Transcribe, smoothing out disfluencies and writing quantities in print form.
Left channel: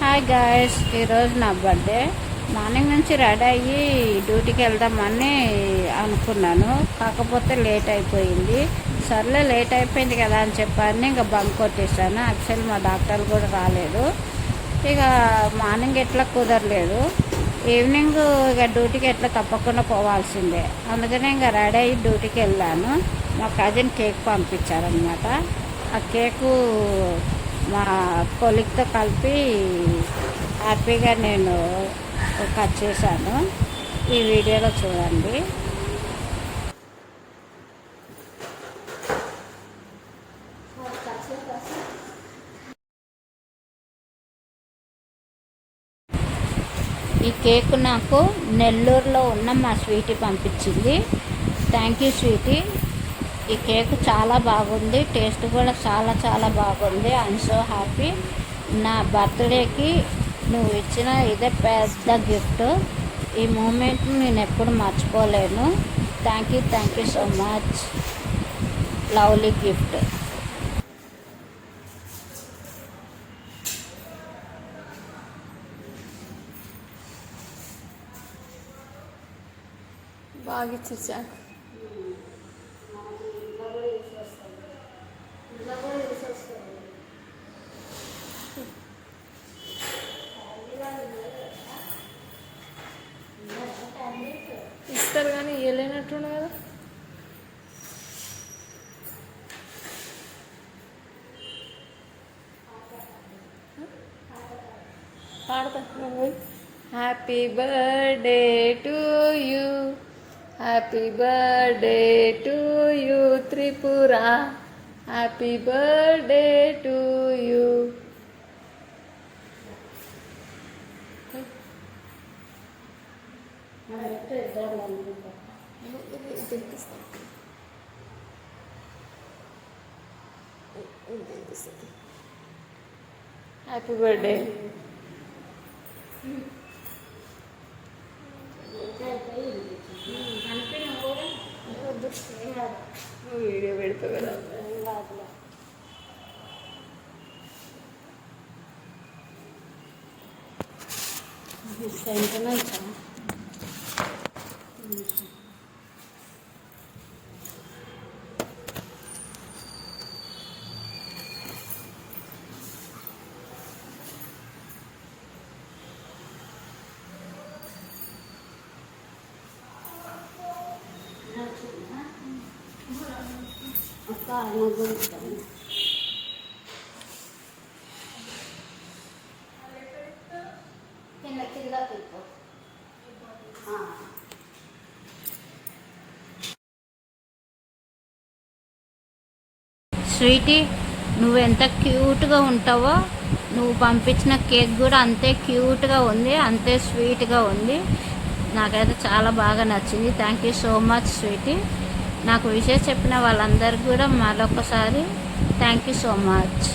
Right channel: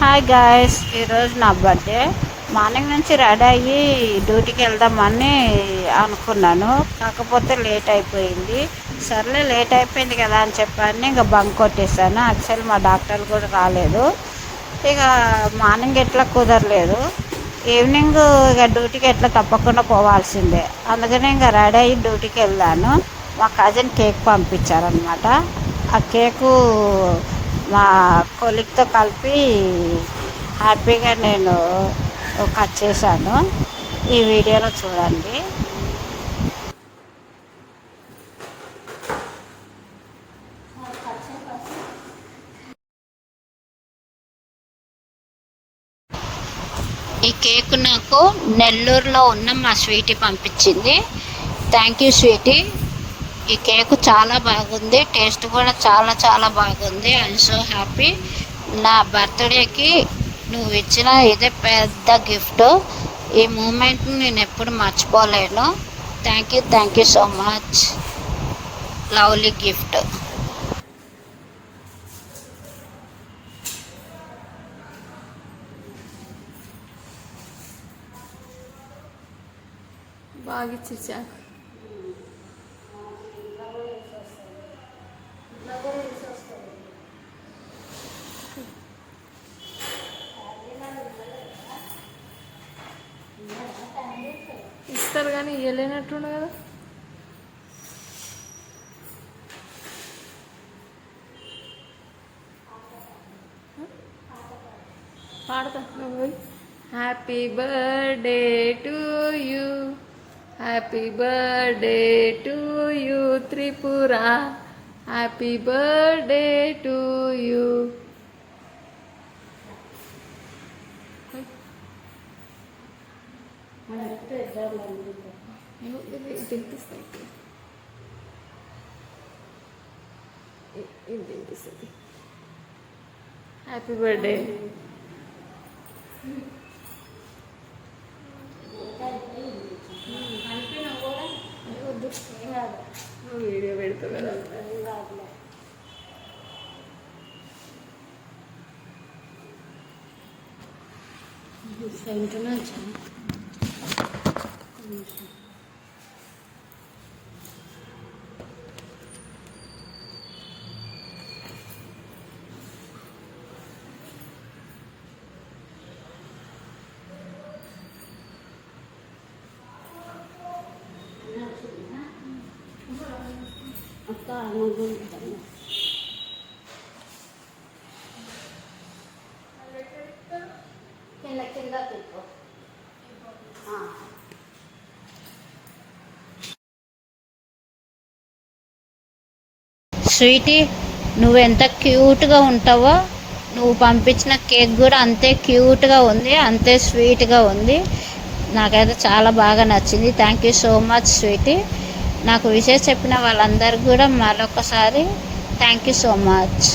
Hi guys, ఈరోజు నా birthday. Morning నుంచి రెడీ అయ్యి డ్యూటీకి వెళ్దామని అనుకున్నాను, కాకపోతే లేట్ అయిపోయింది. సర్లే లేట్ అయిపోయింది కదా అని చెప్పని ఇంకా బంక్ కొట్టేశాను. యాక్చువల్ మా డాక్టర్లు కూడా రాలేదు. ఇక మార్నింగ్ ఎట్లా కుదరలేదు, ఈవినింగ్ ఇక డ్యూటీకి ఎట్లా తప్పకుండా పోవాల్సిందే. అందుకని ఇంకా రెడీ అయ్యి డ్యూటీకి వెళ్ళాను. మా కజిన్ కేక్ పంపించారనమాట. ఆ కేకు మా కొలిక్తో కలిపి హ్యాపీగా నేను కట్ చేశాను. ఈ వీడియోలో చూడండి. ఈ కేక్ నాకు నెల్లూరులో ఉన్న మా స్వీటీ పంపించింది. Thank you sweety. ఈ కేక్ చాలా బాగుంది, టేస్ట్ కూడా చాలా చాలా బాగుంది. I'm so happy. నా బర్త్డేకి నువ్వు ఇచ్చిన ఇదే పెద్ద గిఫ్ట్. ఈ మూమెంట్ని నేను ఎప్పుడు మర్చిపోలేను. Thank you so much. Lovely gift. బాగా ఇచ్చేసా. ఇస్తారు కానీ ఇవ్వలేనట్టుండు కదా. పాడతా. Happy birthday to you, happy birthday to you Tripura, happy birthday to you. Happy birthday. Video పెడతావు కదా. సెంటనే వచ్చాను. కింద తిప్పు. స్వీటీ, నువ్వు ఎంత క్యూట్గా ఉంటావో, నువ్వు పంపించిన కేక్ కూడా అంతే క్యూట్గా ఉంది, అంతే స్వీట్గా ఉంది. నాకైతే చాలా బాగా నచ్చింది. Thank you so much sweety. నాకు విషయం చెప్పిన వాళ్ళందరికీ కూడా మరొకసారి థ్యాంక్ యూ సో మచ్.